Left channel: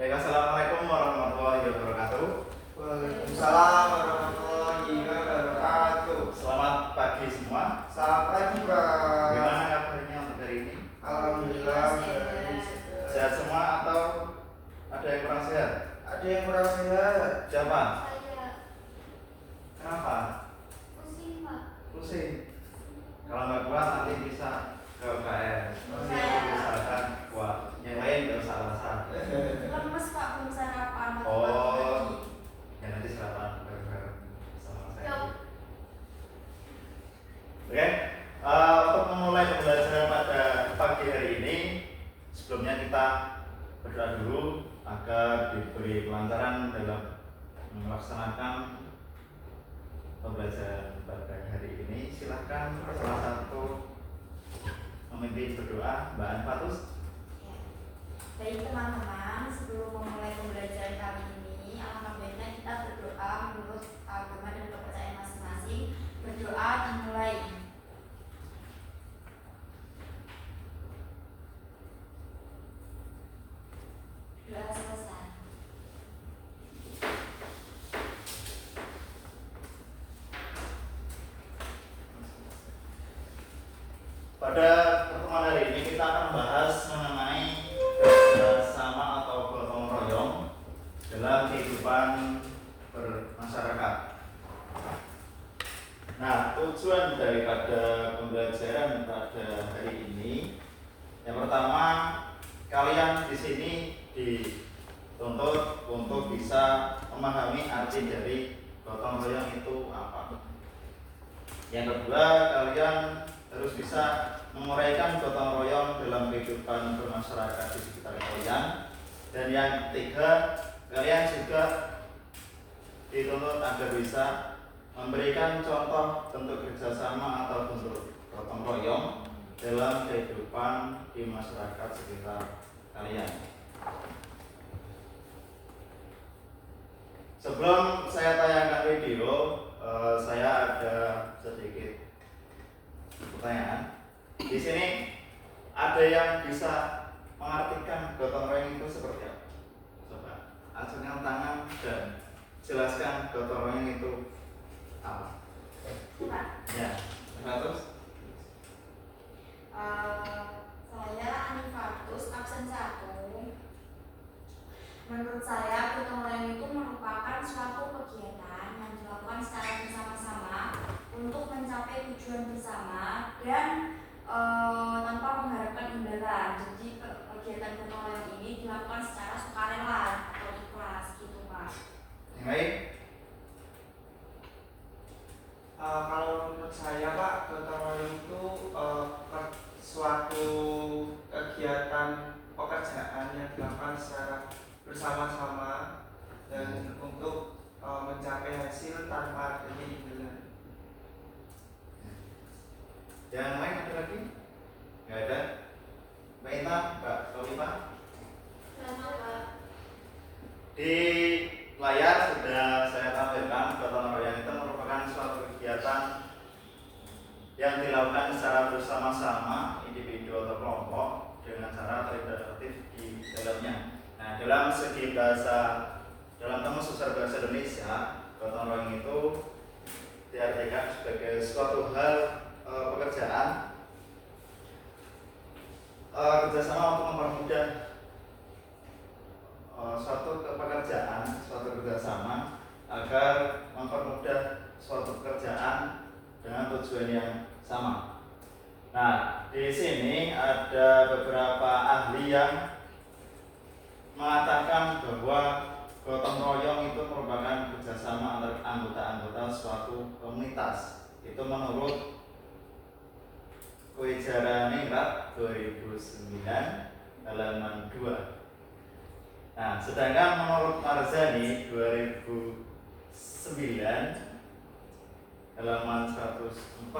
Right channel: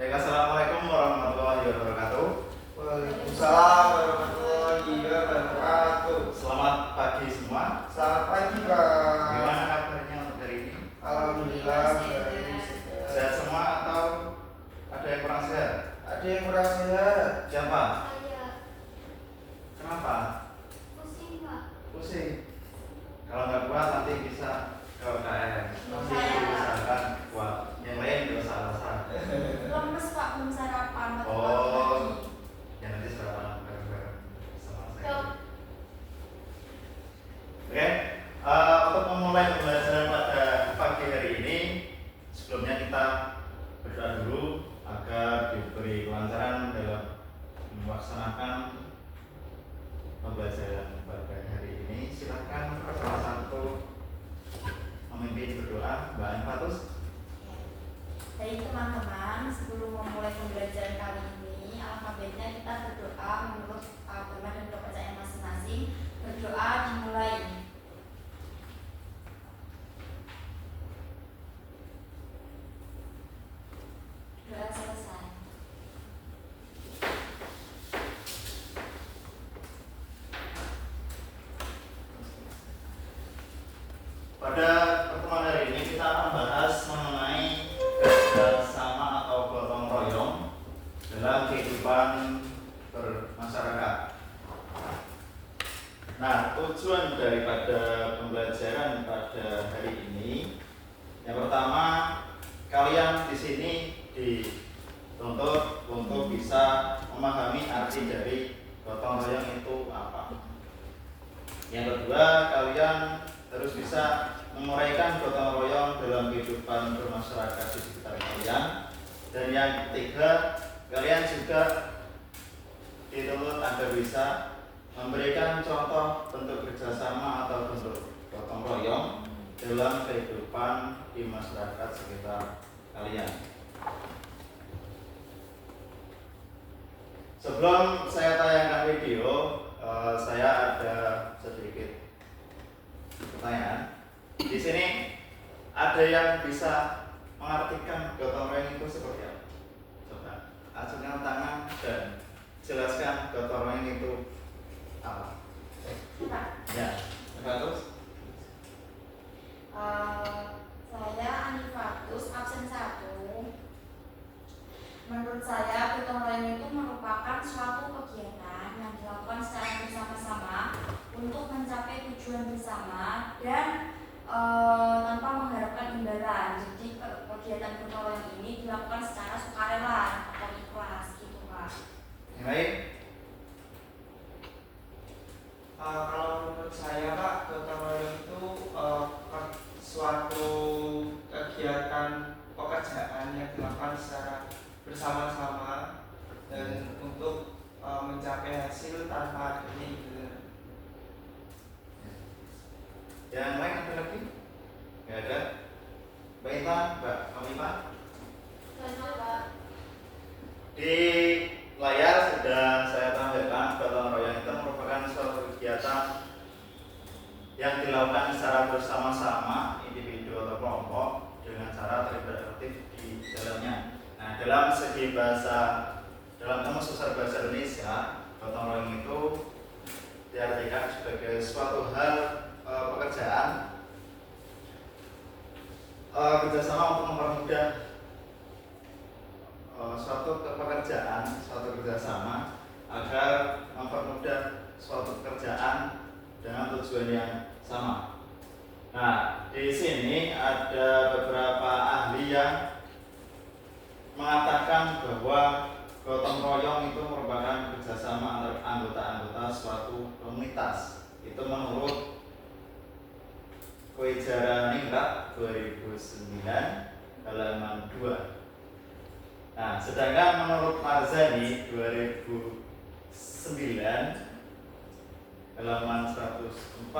Baik, assalamualaikum warahmatullahi wabarakatuh. Waalaikumsalam warahmatullahi wabarakatuh. Selamat pagi semua. Selamat pagi, Pak. Gimana kabarnya untuk hari ini? Alhamdulillah Sehat semua atau ada yang kurang sehat? Ada yang kurang sehat. Siapa? Saya Kenapa? pusing, Pak. Pusing. Kalau nggak kuat nanti bisa ke UKM. Nanti usahakan kuat. Yang lain nggak usah alasan. Lemes, Pak, belum sarapan. Oh, ya nanti sarapan bareng-bareng sama saya. Yuk. Oke, untuk memulai pembelajaran pada pagi hari ini, sebelumnya kita berdoa dulu agar diberi kelancaran dalam melaksanakan pembelajaran pada hari ini. Silakan salah satu memimpin berdoa, Mbak Anfatus. Baik teman-teman, sebelum memulai pembelajaran kali ini, alangkah baiknya kita berdoa menurut agama dan kepercayaan masing-masing. Berdoa dimulai. Doa selesai. Pada pertemuan hari ini kita akan bahas mengenai kerjasama atau gotong royong dalam kehidupan bermasyarakat. Nah, tujuan daripada pembelajaran pada hari ini, yang pertama, kalian di sini dituntut untuk bisa memahami arti dari gotong royong itu apa. Yang kedua, kalian harus bisa menguraikan gotong royong dalam kehidupan bermasyarakat di sekitar kalian. Dan yang ketiga, kalian juga dituntut agar bisa memberikan contoh bentuk kerjasama atau bentuk gotong royong dalam kehidupan di masyarakat sekitar kalian. Sebelum saya tayangkan video, saya ada sedikit pertanyaan. Di sini ada yang bisa mengartikan gotong royong itu seperti apa? Coba acungkan tangan dan jelaskan gotong royong itu apa? Ya, terus. Saya Anifatus, absen 1. Menurut saya, gotong royong itu merupakan suatu kegiatan yang dilakukan secara bersama-sama untuk mencapai tujuan bersama dan tanpa mengharapkan imbalan. Jadi kegiatan gotong royong ini dilakukan secara sukarela atau ikhlas, gitu Pak. Yang lain? Kalau menurut saya, Pak, gotong royong itu suatu kegiatan pekerjaan yang dilakukan secara bersama-sama dan untuk mencapai hasil tanpa adanya imbalan. Yang lain ada lagi? Nggak ada? Mbak Intan, Mbak Alifah? Di layar sudah saya tampilkan gotong royong itu merupakan suatu kegiatan yang dilakukan secara bersama-sama, individu atau kelompok, dengan cara terlibat aktif di dalamnya. Nah, dalam segi bahasa, dalam kamus besar bahasa Indonesia, gotong royong itu diartikan sebagai suatu hal pekerjaan kerjasama untuk mempermudah suatu pekerjaan, suatu kerjasama agar mempermudah suatu pekerjaan dengan tujuan yang sama. Nah, di sini ada beberapa ahli yang mengatakan bahwa gotong royong itu merupakan kerjasama antar anggota-anggota suatu komunitas. Itu menurut Kwejaran Ningrat 2009 halaman 2. Nah, sedangkan menurut Marzani 2009 halaman 149,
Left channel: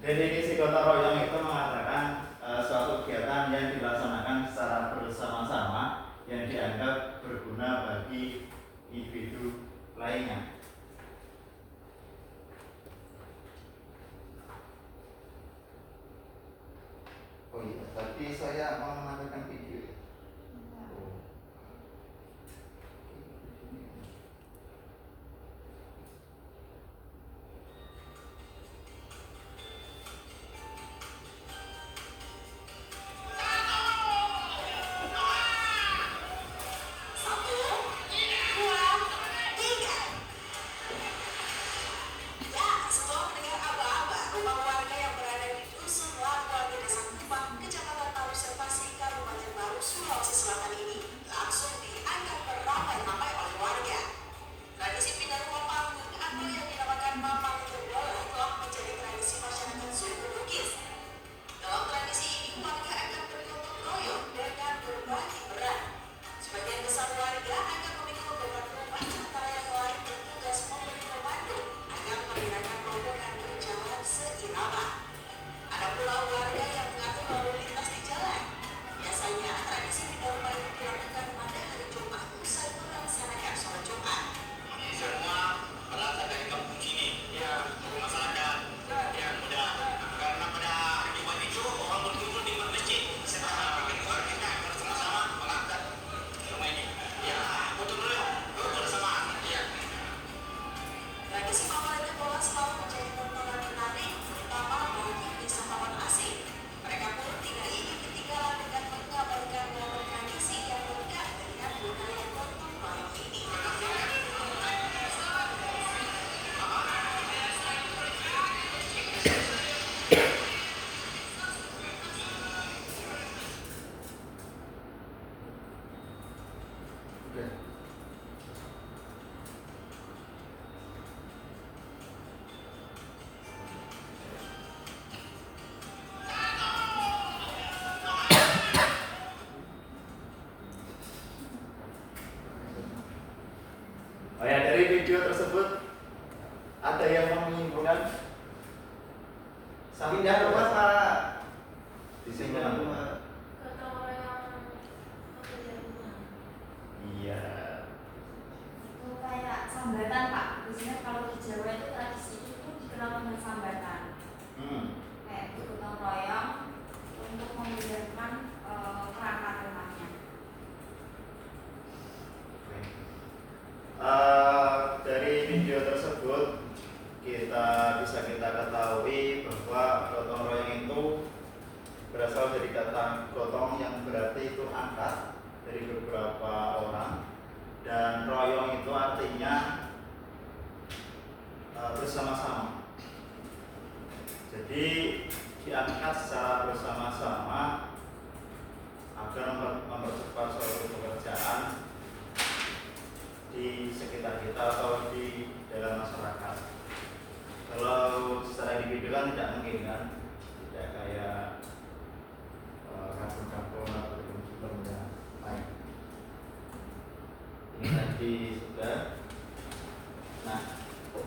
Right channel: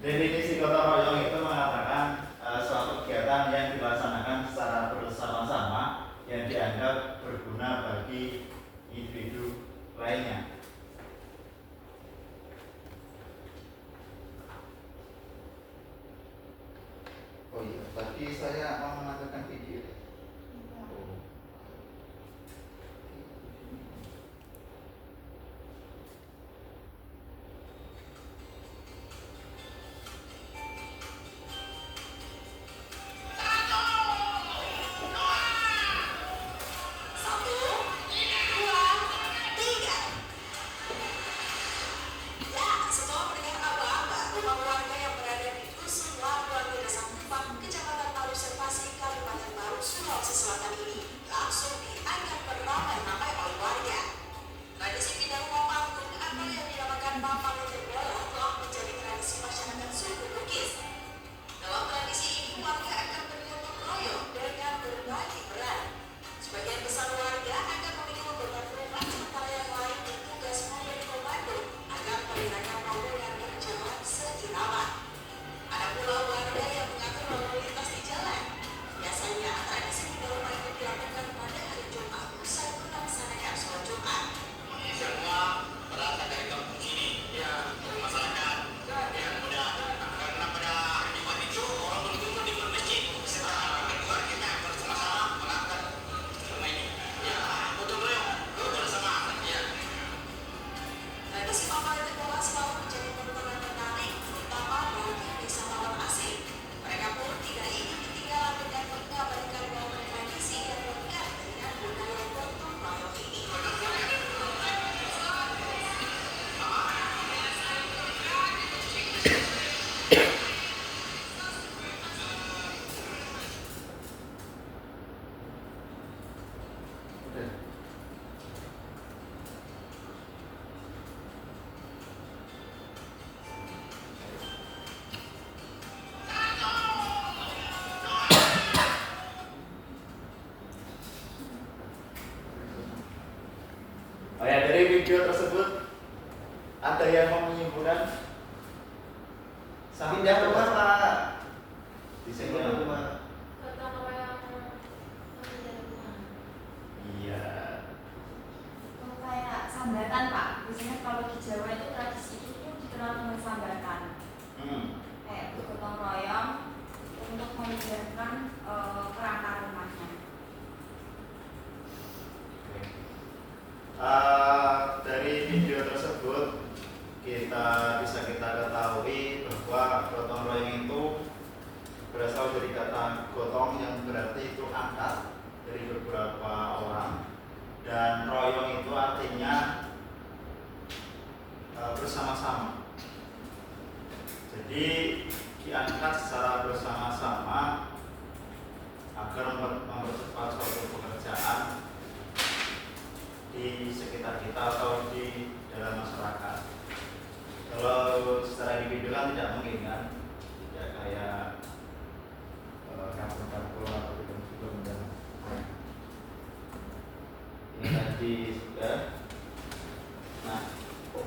definisi gotong royong itu mengatakan suatu kegiatan yang dilaksanakan secara bersama-sama yang dianggap berguna bagi individu lainnya. Oh iya, tadi saya mau menampilkan video. video tersebut ada yang mau menyimpulkan? Pindah rumah Pak. Disimpulkan. rumah. Gotong royong pekerjaan rumah. Iya. Untuk kayak sambatan Pak, biasanya kalau di Jawa itu tradisi itu dikenal dengan sambatan. Kayak bergotong royong untuk memudahkan perangkat rumahnya. Dari video tersebut bisa kita ketahui bahwa gotong royong itu berasal dari kata gotong yang berarti itu angkat dari beberapa orang, dan royong itu artinya bersama-sama. Jadi diangkat secara bersama-sama agar mempercepat suatu pekerjaan di sekitar kita atau di dalam masyarakat. Kalau secara individu kan tidak mungkin kan, tidak kayak kampung-kampung atau film-film. Ini tadi sudah. Nah,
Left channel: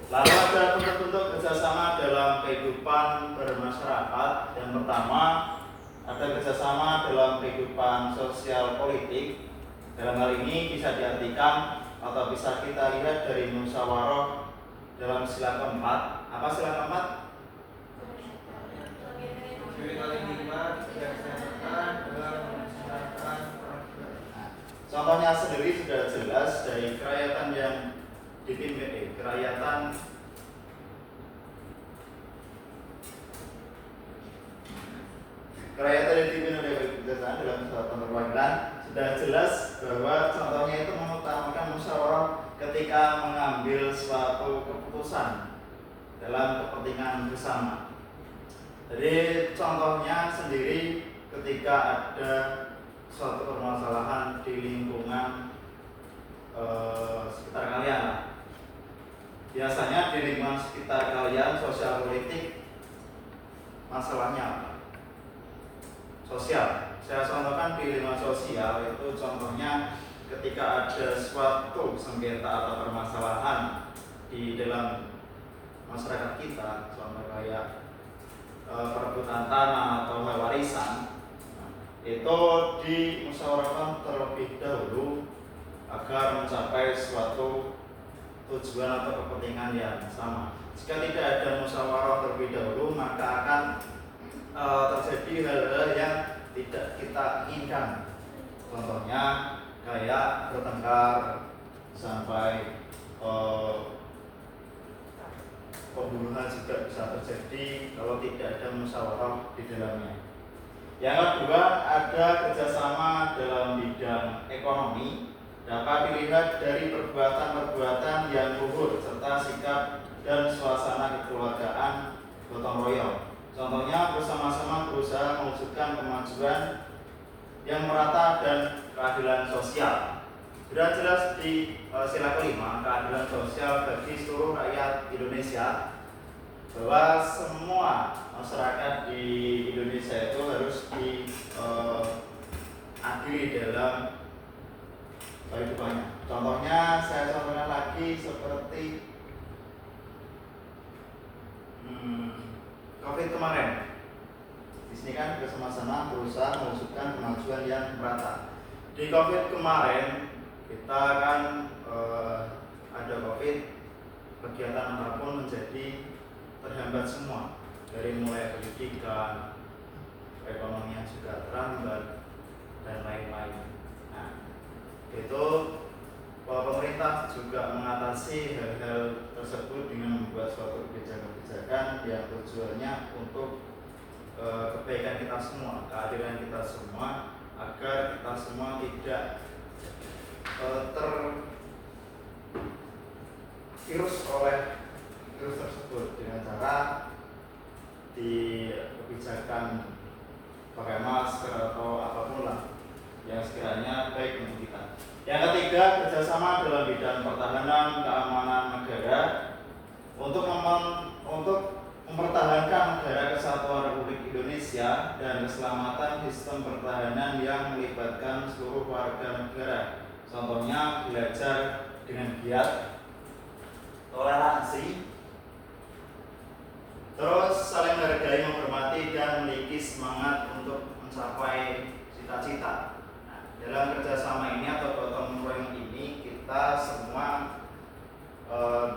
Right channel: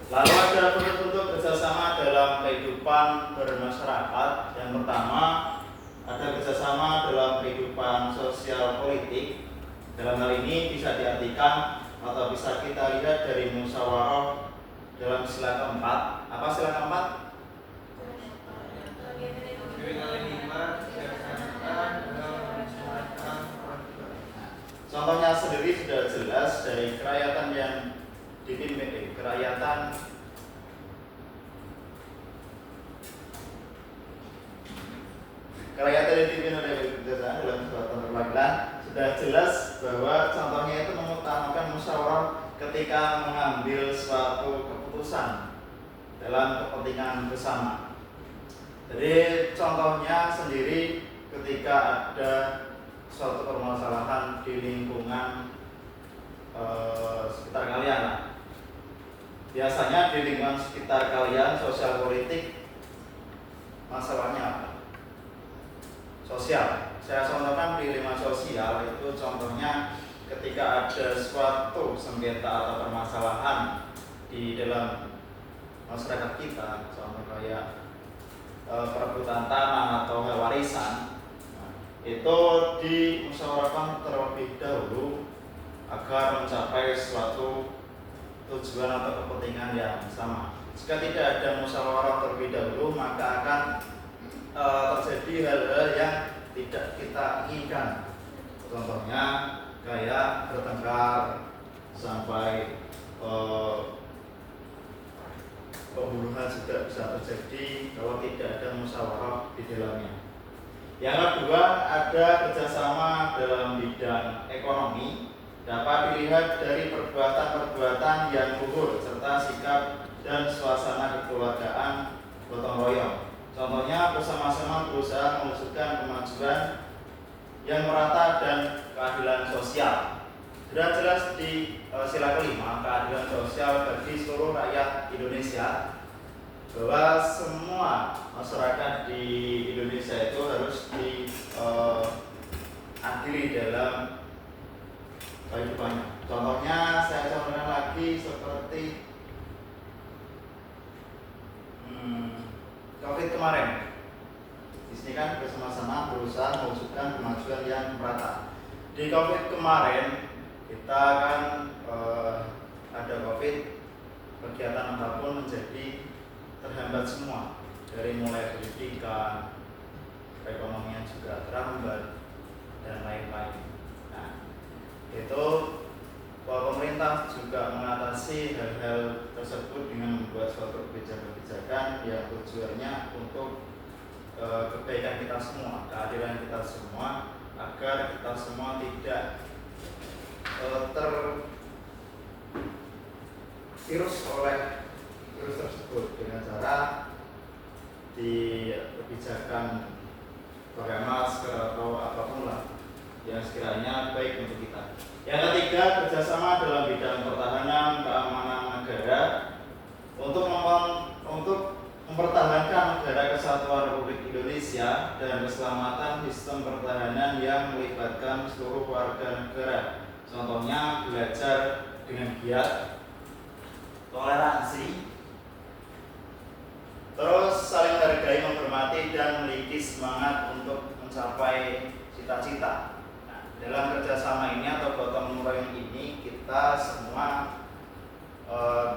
lalu ada bentuk-bentuk kerjasama dalam kehidupan bermasyarakat. Yang pertama, ada kerjasama dalam kehidupan sosial politik. Dalam hal ini bisa diartikan atau bisa kita lihat dari musyawarah dalam sila keempat. Apa sila keempat? Contohnya sendiri sudah jelas dari kerakyatan yang dipimpin kerakyatan yang dipimpin oleh kebijaksanaan dalam suatu perwakilan sudah jelas bahwa contohnya itu mengutamakan musyawarah ketika mengambil suatu keputusan dalam kepentingan bersama. Jadi contohnya sendiri ketika ada suatu permasalahan di lingkungan sekitar kalian. Biasanya di lingkungan sekitar kalian sosial politik masalahnya apa? Sosial. Saya contohkan di lingkungan sosial itu contohnya ketika ada suatu sengketa atau permasalahan di dalam masyarakat kita, contoh kayak perebutan tanah atau hal warisan, itu dimusyawarahkan terlebih dahulu agar mencapai suatu tujuan atau kepentingan yang sama. Jika tidak ada musyawarah terlebih dahulu, maka akan terjadi hal-hal yang tidak kita inginkan. Contohnya kayak bertengkar sampai pembunuhan juga bisa terjadi kalau tidak ada musyawarah di dalamnya. Yang kedua, ada kerjasama dalam bidang ekonomi. Dapat dilihat dari perbuatan-perbuatan yang luhur serta sikap dan suasana kekeluargaan gotong royong. Contohnya bersama-sama berusaha mewujudkan kemajuan yang merata dan keadilan sosial. Sudah jelas di sila kelima, keadilan sosial bagi seluruh rakyat Indonesia, bahwa semua masyarakat di Indonesia itu harus diadili dalam kehidupannya. Contohnya saya contohkan lagi seperti COVID kemarin. Di sini kan bersama-sama berusaha mewujudkan kemajuan yang merata. Di COVID kemarin kita kan ada COVID, kegiatan apapun menjadi terhambat semua, dari mulai pendidikan, perekonomian juga terhambat dan lain-lain. Nah, itu pemerintah juga mengatasi hal-hal tersebut dengan membuat suatu kebijakan-kebijakan yang tujuannya untuk kebaikan kita semua, keadilan kita semua, agar kita semua tidak tervirus oleh virus tersebut dengan cara di kebijakan pakai masker atau apapun lah yang sekiranya baik untuk kita. Yang ketiga, kerjasama dalam bidang pertahanan keamanan negara untuk mempertahankan negara kesatuan Republik Indonesia dan keselamatan sistem pertahanan yang melibatkan seluruh warga negara. Contohnya belajar dengan giat toleransi, terus saling menghargai, menghormati, dan memiliki semangat untuk mencapai cita-cita. Nah, dalam kerjasama ini atau gotong royong ini kita semua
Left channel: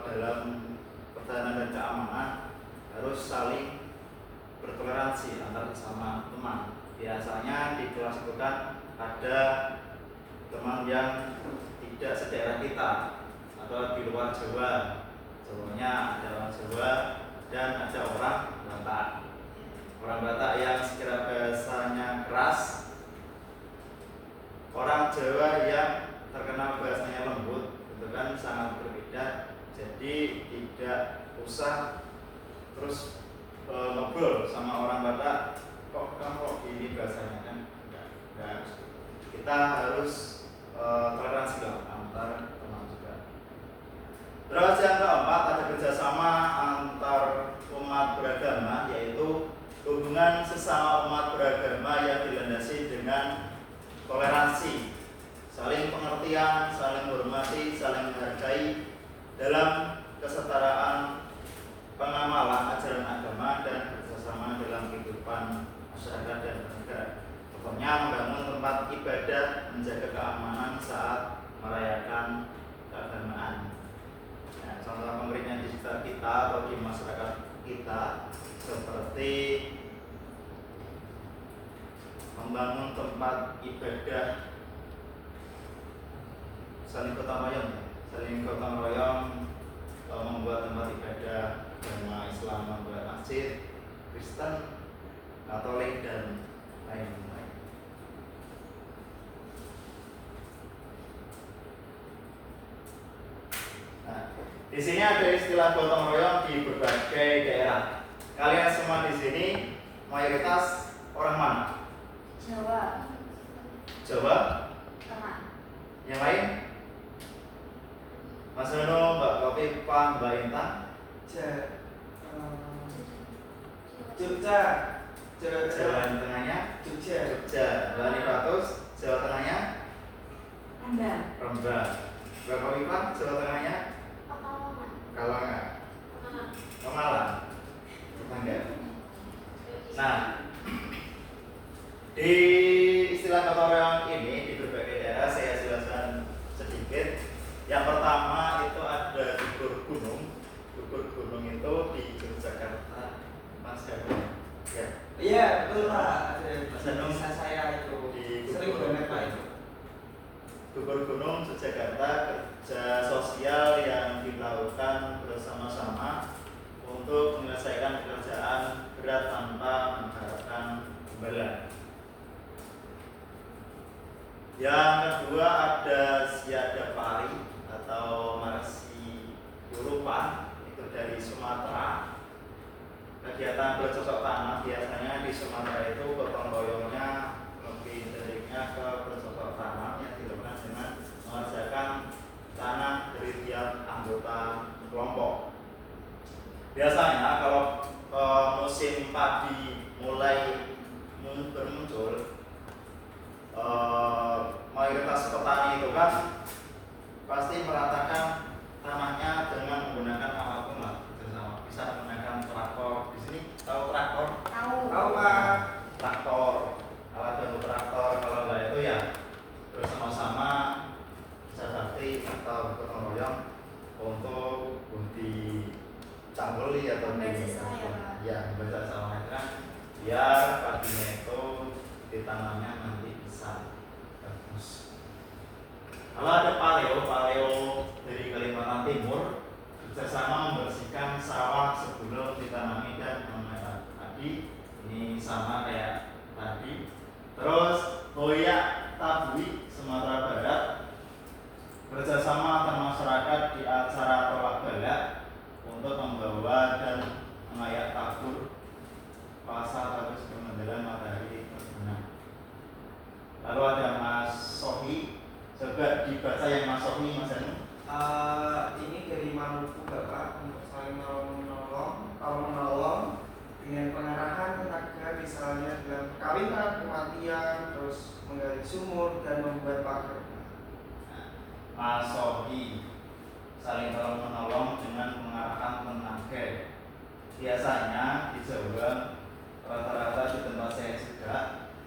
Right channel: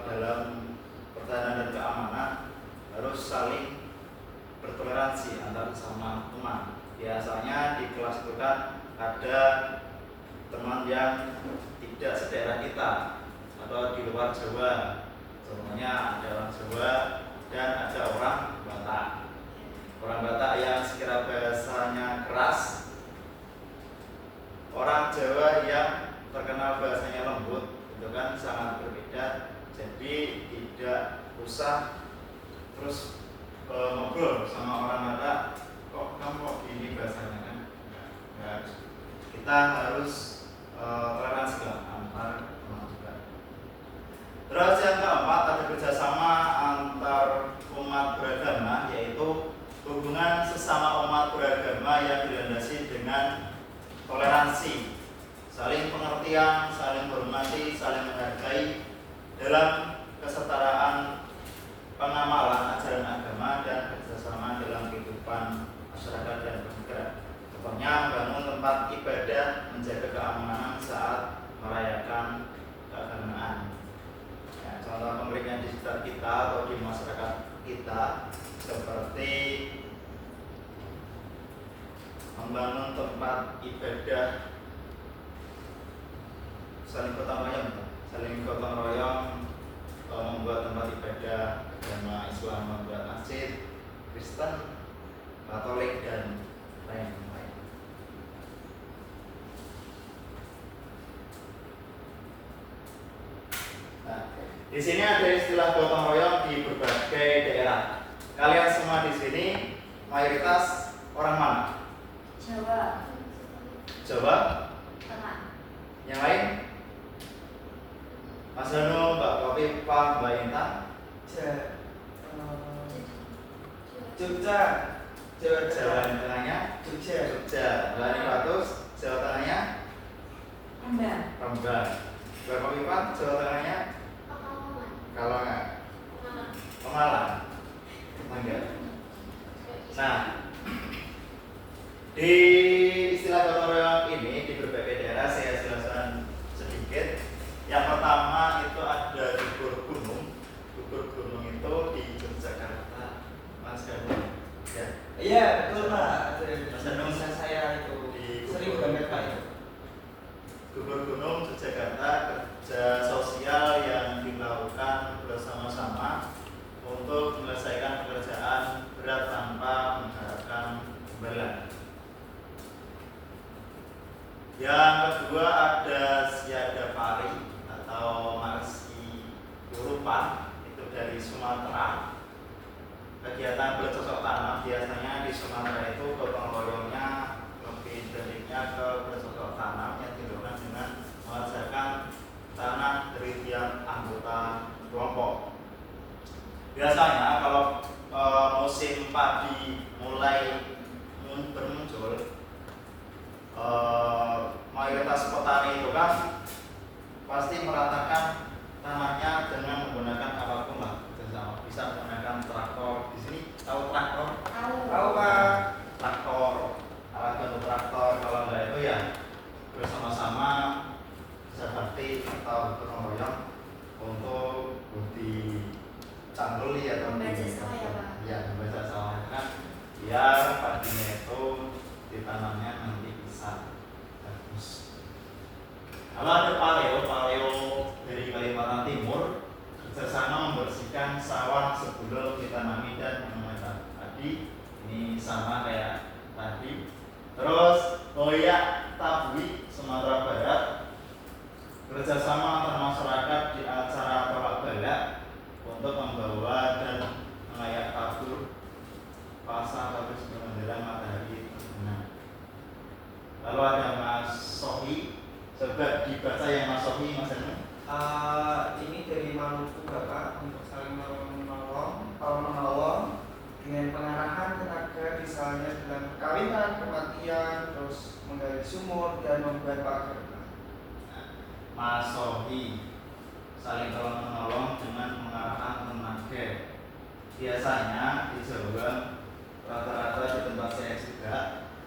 dalam pertahanan dan keamanan harus saling bertoleransi antar sesama teman. Biasanya di kelas itu kan ada teman yang tidak sedaerah kita atau di luar Jawa. Contohnya ada orang Jawa dan ada orang Batak. Orang Batak yang sekira bahasanya keras, orang Jawa yang terkenal bahasanya lembut, itu kan sangat berbeda. Jadi tidak usah terus ngobrol sama orang Batak, kamu kok gini bahasanya kan? Enggak. Kita harus toleransi lah antar teman juga. Terus yang keempat ada kerjasama antar umat beragama, yaitu hubungan sesama umat beragama yang dilandasi dengan toleransi, saling pengertian, saling menghormati, saling menghargai dalam kesetaraan pengamalan ajaran agama dan kerjasama dalam kehidupan masyarakat dan bernegara. Contohnya membangun tempat ibadah, menjaga keamanan saat merayakan keagamaan. Ya, contoh konkretnya di sekitar kita atau di masyarakat kita seperti membangun tempat ibadah, saling gotong royong membuat tempat ibadah agama Islam, membuat masjid, Kristen, Katolik, dan lain-lain. Nah, di sini ada istilah gotong royong di berbagai daerah. Kalian semua di sini mayoritas orang mana? Jawa. Jawa? Tengah. Yang lain? Mas Dono, Mbak Kopi, Pak, Mbak Intan? Jogja. Jawa yang tengahnya? Jogja. Jawa Nipatus, Jawa tengahnya? Rembang. Mbak Kopi, Pak, Jawa tengahnya? Pekalongan. Pemalang. Enggak. Nah, di istilah gotong royong ini di berbagai daerah saya jelaskan sedikit. Yang pertama itu ada gugur gunung. Gugur gunung itu di Yogyakarta, Mas Hanung. Ya. Iya betul Pak. Mas Hanung, saya itu di sering banget Pak itu. Gugur gunung Yogyakarta, kerja sosial yang dilakukan bersama-sama untuk menyelesaikan pekerjaan berat tanpa mengharapkan imbalan. Yang kedua ada Siada Pari atau Marsi Urupan, itu dari Sumatera. Kegiatan bercocok tanam biasanya di Sumatera itu gotong royongnya lebih dediknya ke bercocok tanam yang dilakukan dengan mengerjakan tanah dari tiap anggota kelompok. Biasanya kalau musim padi mulai bermuncul, mayoritas petani itu kan pasti meratakan tanahnya dengan menggunakan apapun lah, bisa menggunakan traktor. Di sini tahu traktor? Tahu Pak. Traktor, alat bantu traktor. Kalau enggak itu ya bersama-sama bisa bakti atau gotong royong untuk budi canggul atau Membaca sawah ya Pak? Ya, membaca sawah itu kan biar padinya itu ditanamnya nanti bisa bagus. Kalau ada paleo dari Kalimantan Timur kerjasama membersihkan sawah sebelum ditanami dan menanam padi. Ini sama kayak tadi. Terus Hoyak Tabui Sumatera Barat kerjasama antar masyarakat di acara tolak balak untuk membawa dan mengayak tabur pasar habis menjelang matahari terbenam. Lalu ada Mas Sohi, coba dibaca yang Mas Sohi, Mas Anu. Ini dari Maluku Bapak, untuk saling menolong dengan pengarahan tenaga, misalnya dalam perkawinan, kematian, terus menggali sumur dan membuat pagar. Mas Sohi, saling tolong menolong dengan mengarahkan tenaga. Biasanya di Jawa rata-rata di tempat saya juga,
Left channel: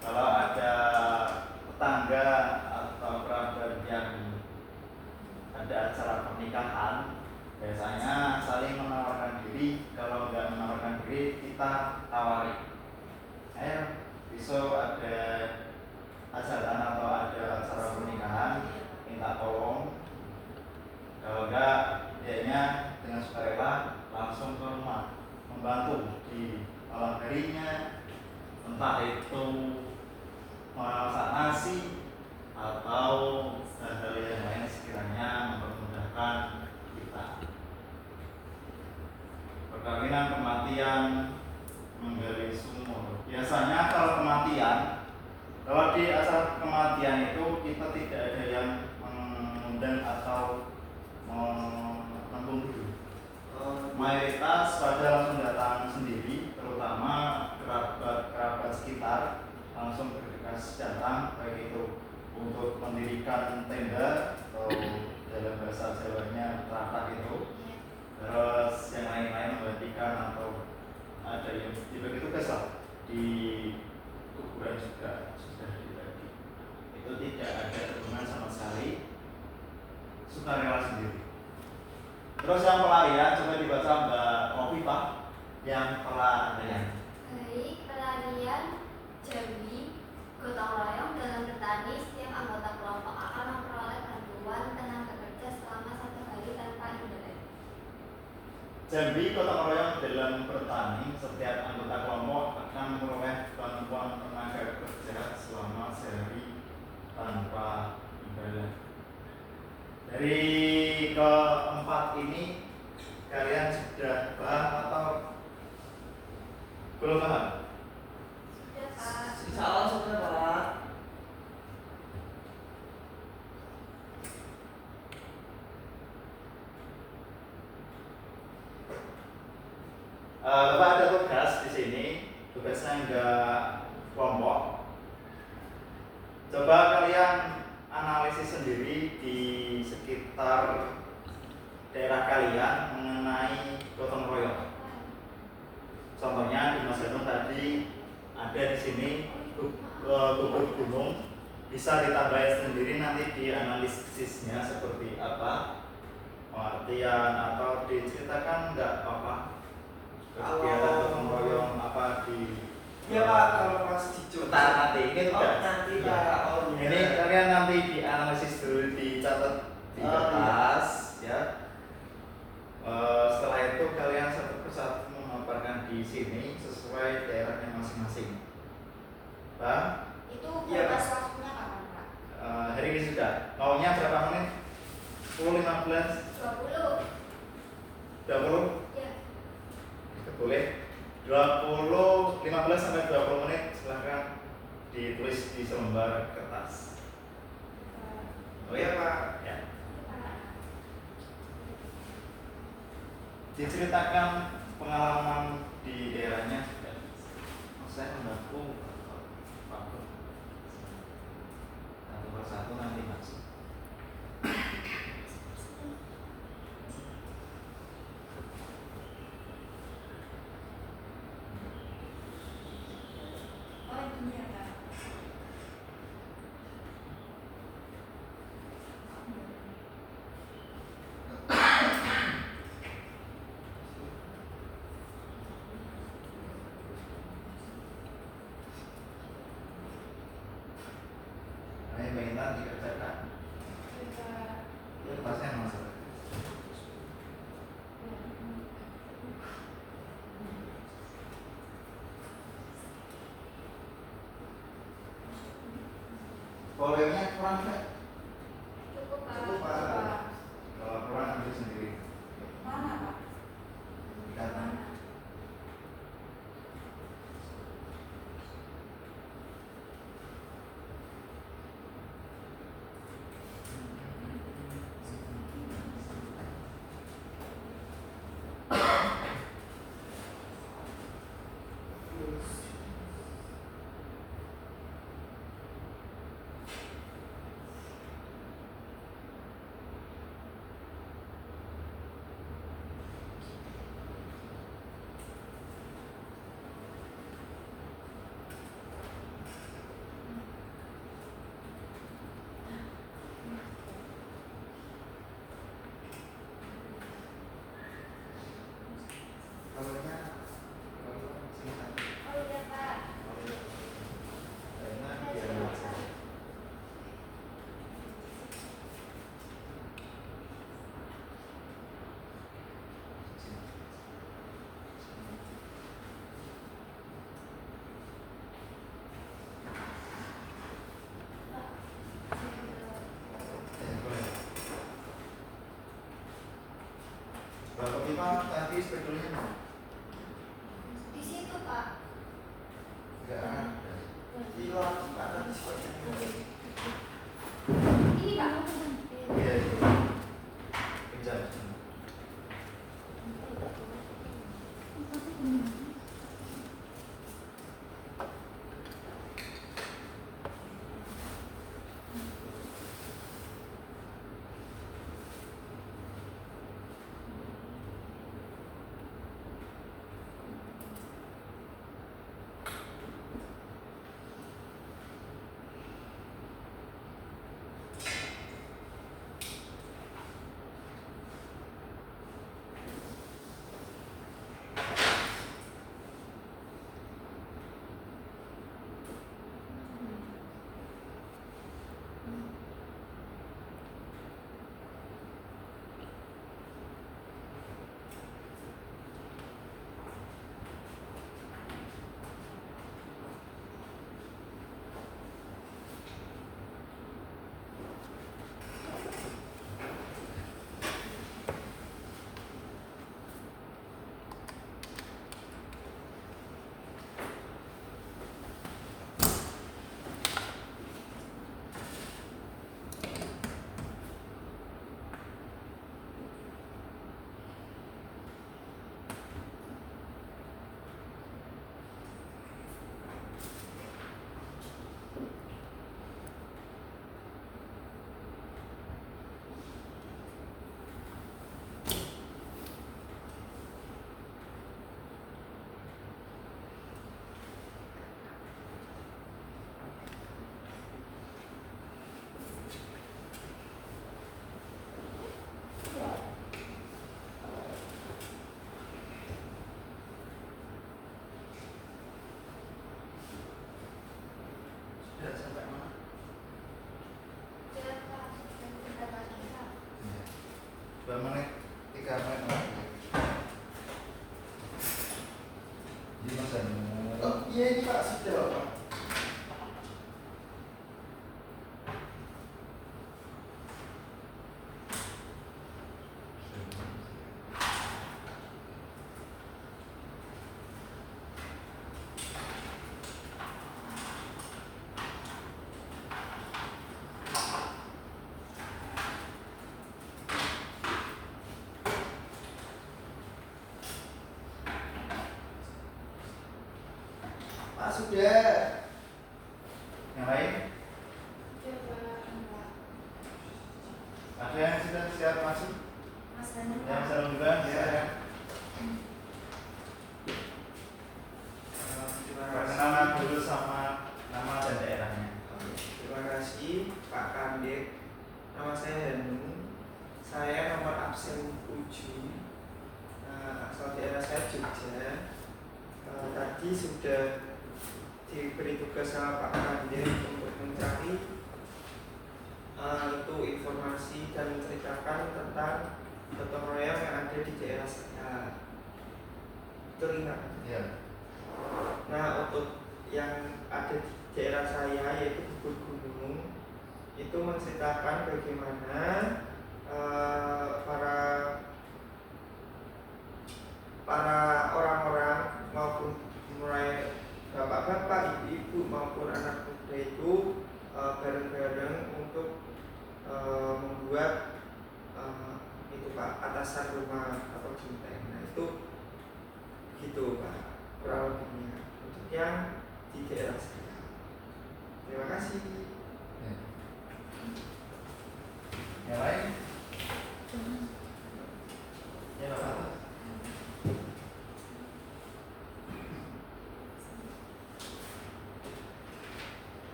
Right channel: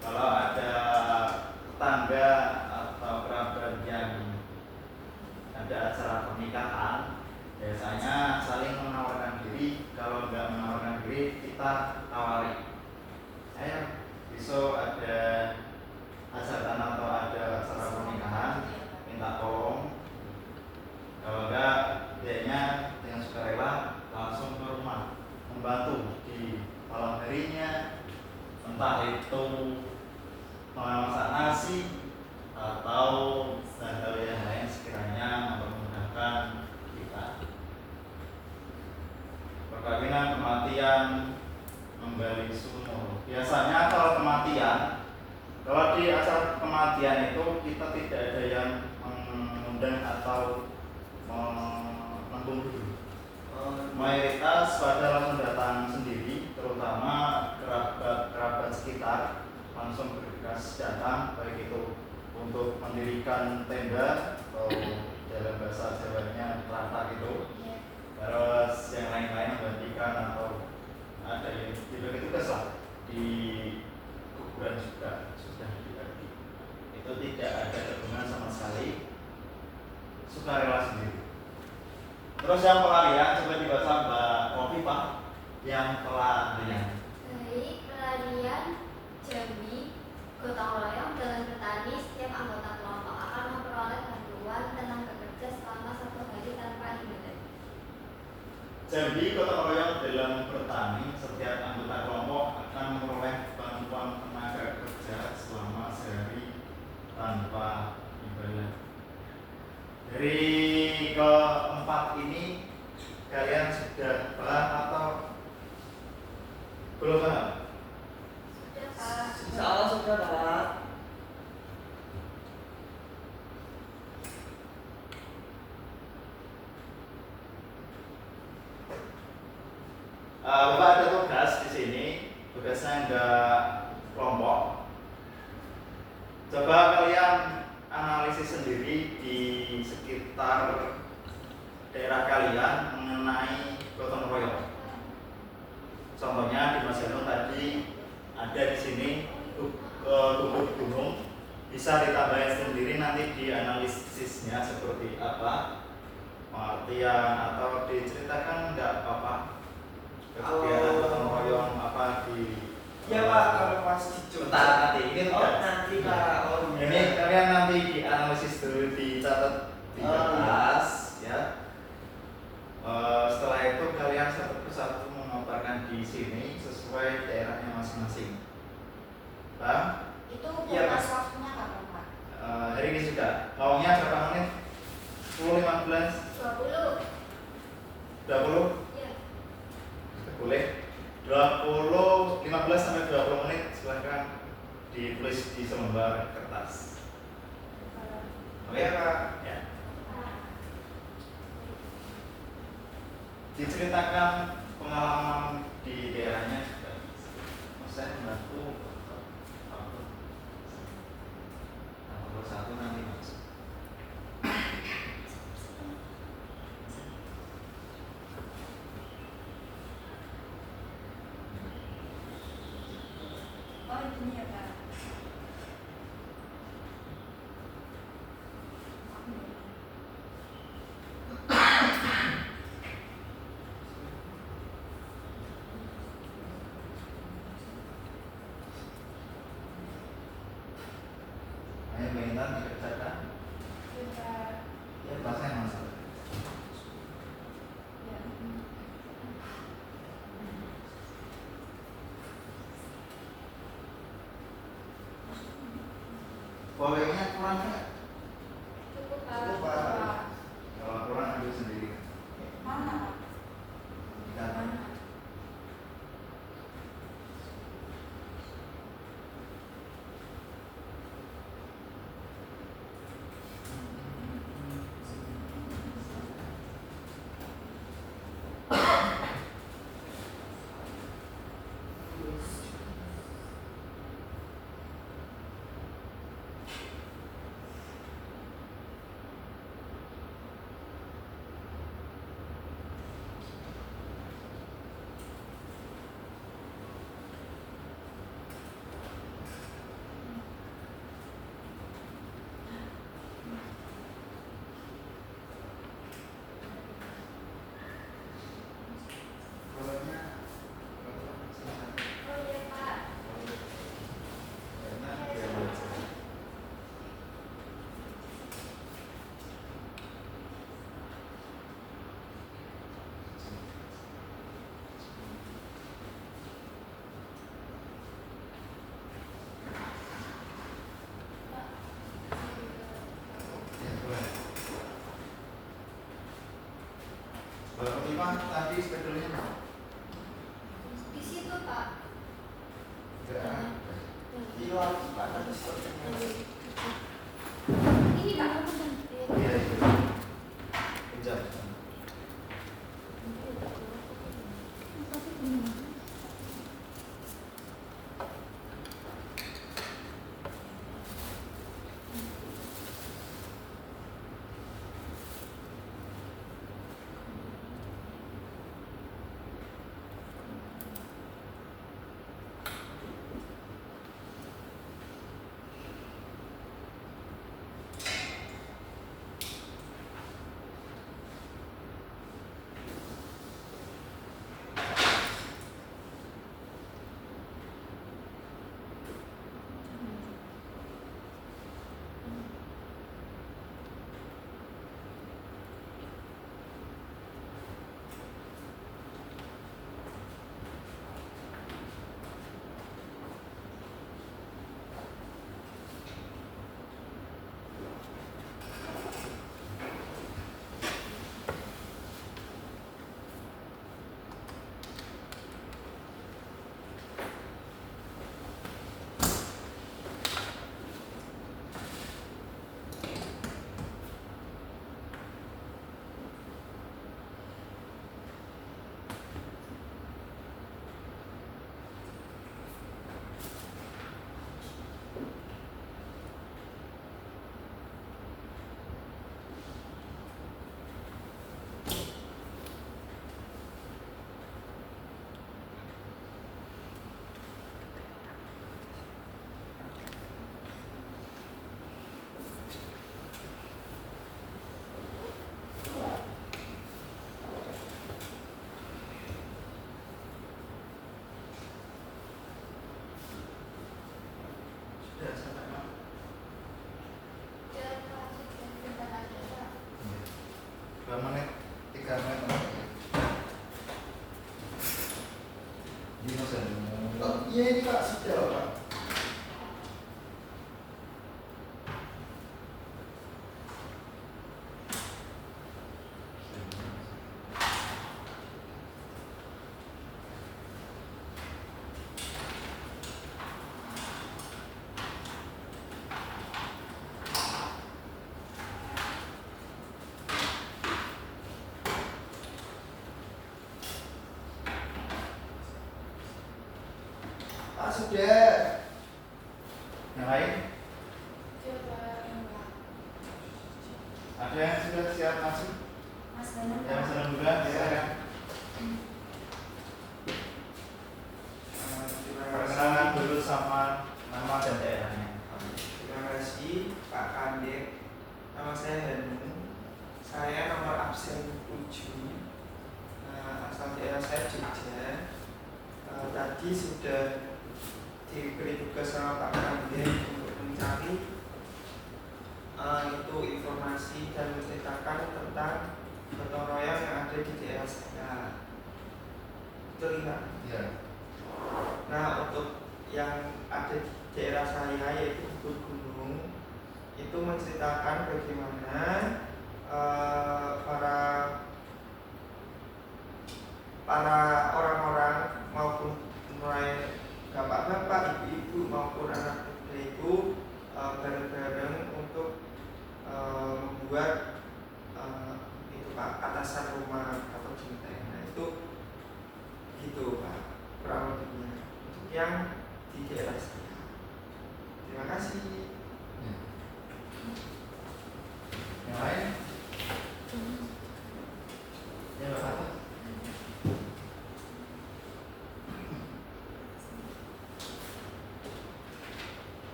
kalau ada tetangga atau kerabat yang ada acara pernikahan, biasanya saling menawarkan diri. Kalau nggak menawarkan diri, kita tawari. Besok ada hajatan atau ada acara pernikahan, minta tolong. Kalau enggak, biasanya dengan sukarela langsung ke rumah membantu di malam harinya, entah itu memasak nasi atau hal-hal yang lain sekiranya memudahkan kita. Perkawinan, kematian, menggali sumur. Biasanya kalau kematian, kalau di acara kematian itu kita tidak ada yang mengundang atau menunggu. Mayoritas pada langsung datang sendiri, terutama kerabat sekitar langsung bergegas datang, baik itu untuk mendirikan tenda atau dalam bahasa Jawanya teratak itu, terus yang lain-lain membagikan atau ada yang dibagi tugas lah di kuburan juga sudah dibagi. Itu tidak ada hubungan sama sekali, sukarela sendiri. Terus yang pelarian coba dibaca Mbak Kofifa. Yang pelarian. Baik, pelarian Jambi gotong royong dalam petani. Setiap anggota kelompok akan memperoleh bantuan tenaga kerja selama 1 hari tanpa imbalan. Jambi gotong royong dalam bertani. Setiap anggota kelompok akan memperoleh bantuan tenaga kerja selama sehari tanpa imbalan. Dari keempat ini kalian sudah paham atau belum paham? Sudah, Pak. Insya Allah sudah, Pak. Bapak ada tugas di sini, tugasnya enggak kelompok. Coba kalian analisis sendiri di sekitar daerah kalian mengenai gotong royong. Contohnya di Mas Gano tadi ada di sini gugur gunung, bisa ditambahin sendiri nanti di analisisnya seperti apa, pengertian atau diceritakan enggak apa-apa. Kegiatan gotong royong apa di Iya Pak, kalau pas di Bentar, nanti ini tugas. Nanti Pak. Ini kalian nanti dianalisis dulu, dicatat di kertas ya. Setelah itu kalian satu persatu memaparkan di sini sesuai daerahnya masing-masing. Paham? Itu Iya, batas waktunya kapan, Pak? Hari ini sudah. Maunya berapa menit? 10, 15, 20. 20? Ya. Boleh. 15 sampai 20 menit silahkan ditulis di selembar kertas. Oh ya Pak. Ya. Diceritakan pengalaman di daerahnya sudah. Saya membantu satu persatu nanti mas. Oh, ini ya, Pak. Hanya pengintan dikerjakan. Ya pasnya masuk. Volumenya kurang nggak? Cukup, Pak. Cukup, Pak. Kalau kurang ambil sendiri. Mana, Pak? Dikata. Mana? Bapak Bima tadi spidolnya Di situ Pak. enggak ada. Hilang mana sepertinya. Ini Pak. Iya, iya. Kejar. Sudah sampai mana? Sudah Pak, sudah bentar lagi Pak. 2 menit, 3 menit lagi. Ini Mas Anu. Oh, iya ini Pak sudah Pak. Pak sudah. Yang lain? Ada yang sudah siap masuk? Mas Daniel, Yang Pak. senang juga? Ya. Terima Perkenalan kasih. dulu sama nama dan daerahnya. Terima kasih Pak Kandik. Nama saya Hanung. Saya nomor absen 7. Nah, asal daerah saya Jogja. Tadi sudah diberi tugas sama Pak Kandik untuk mencari itu informasi dan menceritakan tentang gotong royong yang ada di daerah saya. Betul nggak? Iya. Nah, untuk yang ada di daerah saya yaitu Bukit Gunung itu menceritakan bagaimana para orang-orang maupun mulai bapak-bapak, ibu-ibu maupun anak muda itu bareng-bareng untuk membuat itu Pak atasan rumah atau genteng. Nah itu gitu Pak kurang lebihnya untuk yang di daerah saya. Terima kasih. Ya. Yang lain? Ya, Bapak.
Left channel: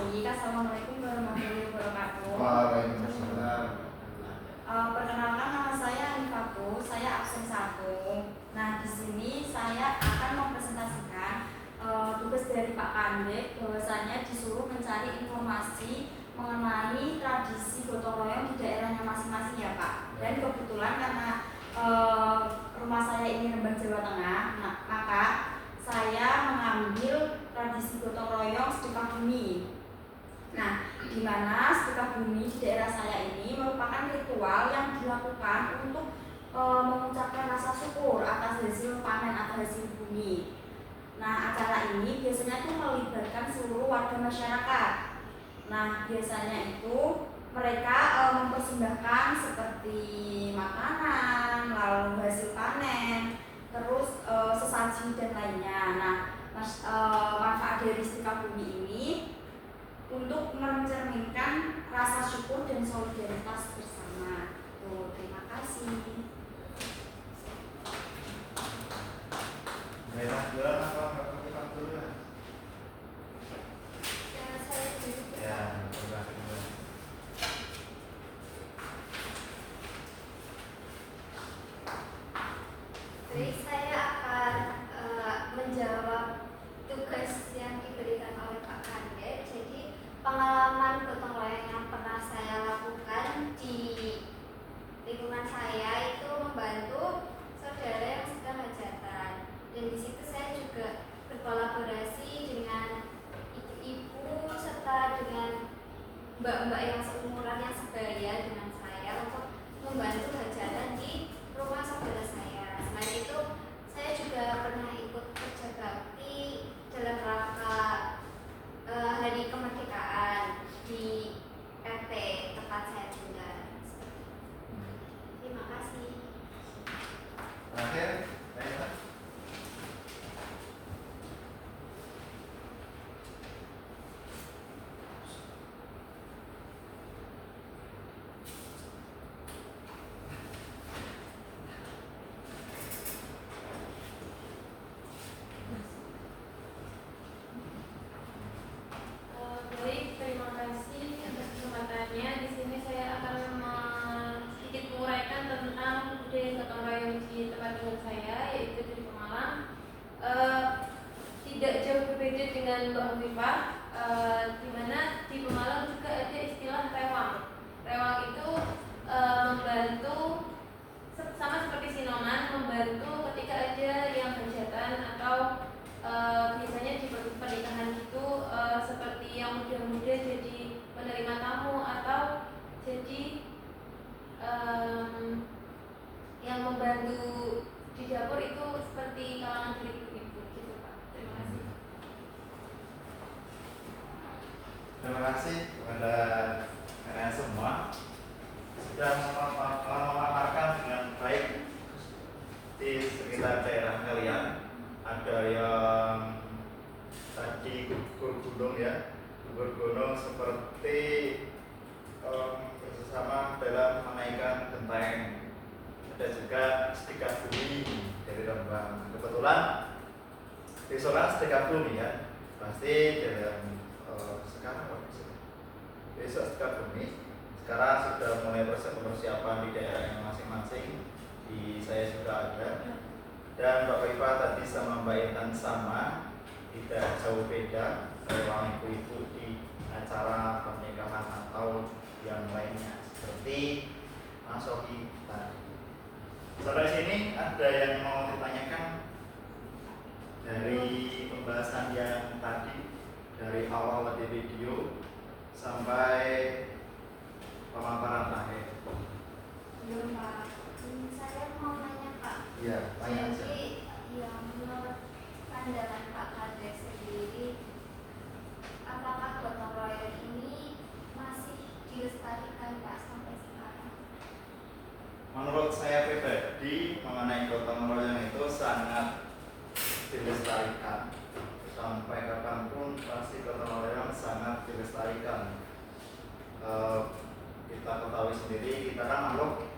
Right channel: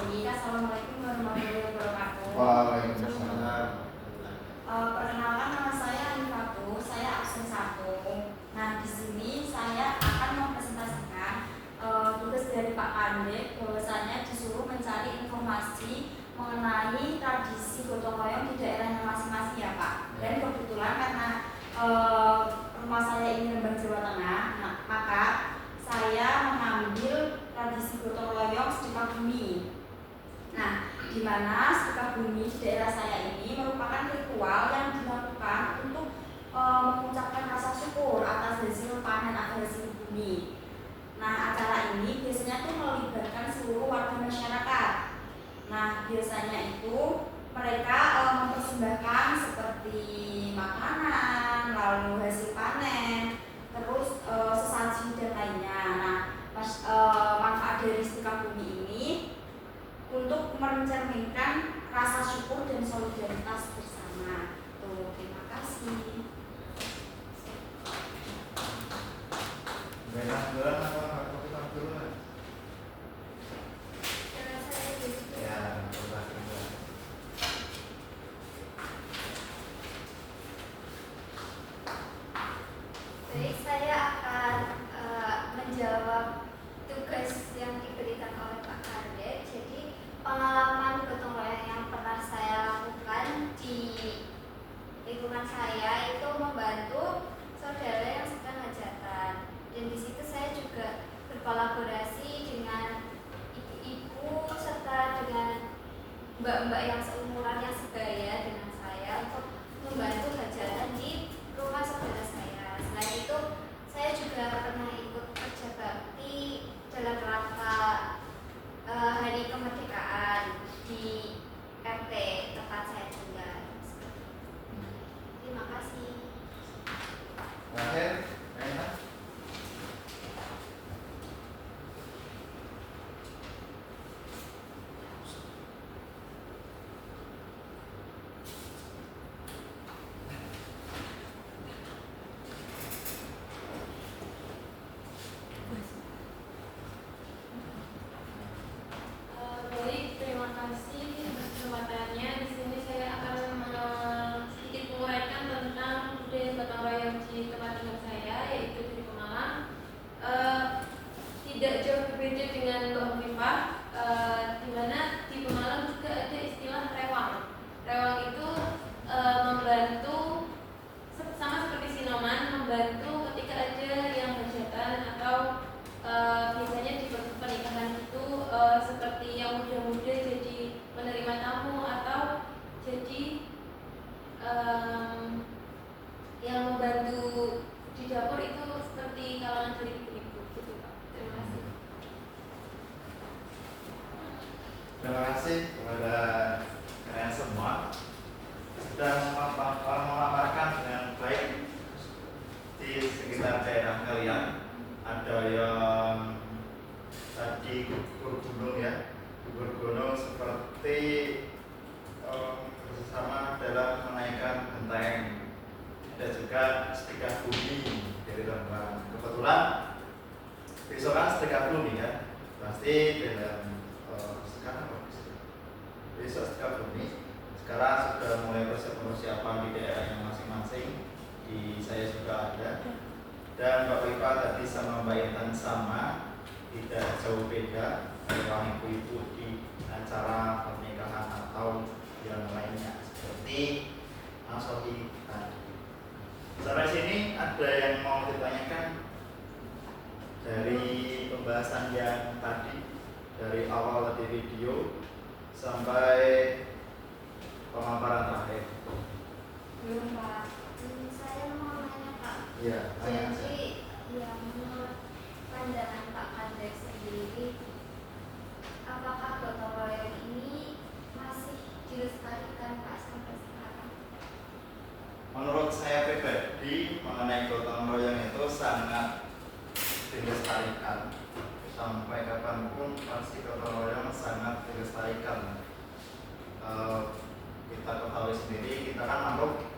Baik, Assalamualaikum warahmatullahi wabarakatuh. Waalaikumsalam. Perkenalkan nama saya Anifatu, saya absen 1. Nah, di sini saya akan mempresentasikan tugas dari Pak Kandik, bahwasanya disuruh mencari informasi mengenai tradisi gotong royong di daerahnya masing-masing ya Pak. Dan kebetulan karena rumah saya ini Rembang Jawa Tengah, maka saya mengambil tradisi gotong royong sedekah bumi. Nah, di mana sedekah bumi di daerah saya ini merupakan ritual yang dilakukan untuk mengucapkan rasa syukur atas hasil panen atau hasil bumi. Nah, acara ini biasanya tuh melibatkan seluruh warga masyarakat. Nah, biasanya itu mereka mempersembahkan seperti makanan, lalu hasil panen, terus sesaji dan lainnya. Nah, manfaat dari sedekah bumi ini untuk mencerminkan rasa syukur dan solidaritas bersama. Terima kasih. Baiklah, duluan apa kita duluan? Saya dulu. Ya, coba duluan. Baik, saya akan menjawab tugas yang diberikan oleh Pak Kadek. Jadi pengalaman gotong royong yang pernah saya lakukan di lingkungan saya itu membantu saudara yang sedang hajatan. Dan di situ saya juga berkolaborasi dengan ibu-ibu serta dengan mbak-mbak yang seumuran yang sebaya dengan saya untuk membantu hajatan di rumah saudara saya. Selain itu, saya juga pernah ikut kerja bakti dalam rangka Hari Kemerdekaan di RT tempat saya tinggal. Terima kasih. Terakhir, Naila. Baik, terima kasih atas kesempatannya. Di sini saya akan sedikit menguraikan tentang budaya gotong royong di tempat tinggal saya, yaitu di Pemalang. Tidak jauh berbeda dengan Mbak Hovifah, di mana di Pemalang juga ada istilah rewang. Rewang itu membantu, sama seperti Sinoman, membantu ketika ada yang hajatan atau biasanya di pernikahan itu seperti yang muda-muda jadi menerima tamu atau jadi yang membantu di dapur itu seperti kalangan dari ibu-ibu gitu Pak. Terima kasih. Terima kasih kepada kalian semua sudah memaparkan dengan baik di sekitar daerah kalian. Ada yang tadi gugur gunung ya, gugur gunung seperti bersama dalam menaikkan genteng. Ada juga sedekah bumi dari Rembang. Kebetulan besok kan sedekah bumi ya, pasti dalam sekarang besok sedekah bumi. Sekarang sudah mulai persiapan di daerahnya masing-masing. Di saya juga ada. Dan Bapak Ibu tadi sama Mbak Intan sama, tidak jauh beda ruang ibu-ibu di acara pernikahan atau yang lainnya seperti Asohi tadi. Sampai sini ada yang mau ditanyakan dari pembahasan yang tadi dari awal di video sampai pemaparan terakhir. Belum Pak. Saya mau nanya Pak. Iya, tanya saja. Jadi, ya menurut pandangan Pak Kadek sendiri, apakah gotong royong ini masih dilestarikan Pak sampai sekarang? Menurut saya pribadi mengenai gotong royong itu sangat dilestarikan. Sampai kapanpun pasti gotong royong sangat dilestarikan. Kita ketahui sendiri, kita kan makhluk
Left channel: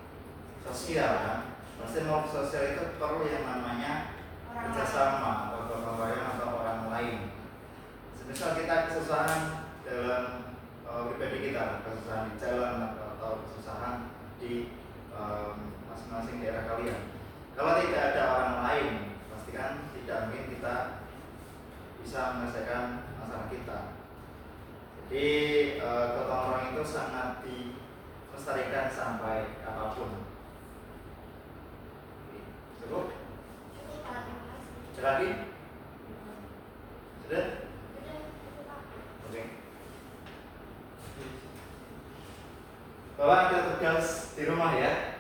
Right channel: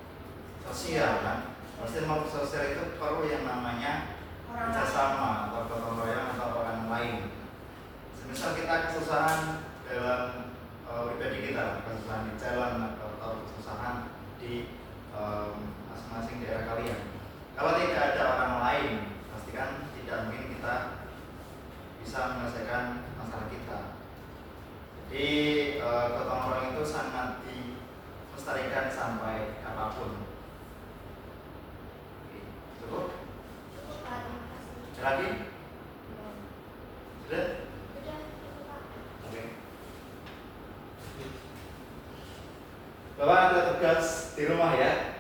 sosial kan. Pasti makhluk sosial itu perlu yang namanya kerjasama atau gotong royong atau orang lain. Semisal kita kesusahan dalam pribadi kita, kesusahan di jalan atau kesusahan di masing-masing daerah kalian. Kalau tidak ada orang lain, pastikan tidak mungkin kita bisa menyelesaikan masalah kita. Jadi gotong royong itu sangat dilestarikan sampai apapun. Cukup? Cukup Pak, terima kasih. Ada lagi? Belum. Sudah? Sudah, cukup Pak. Oke. bahwa ada tugas di rumah ya.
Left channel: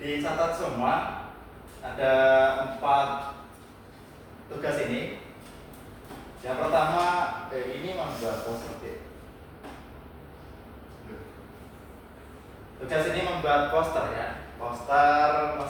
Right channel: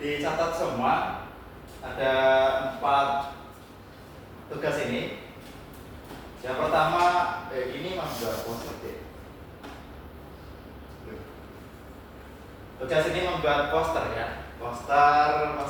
Dicatat semua. Ada 4 tugas ini. Yang pertama, ini membuat poster ya. Tugas ini membuat poster ya. Poster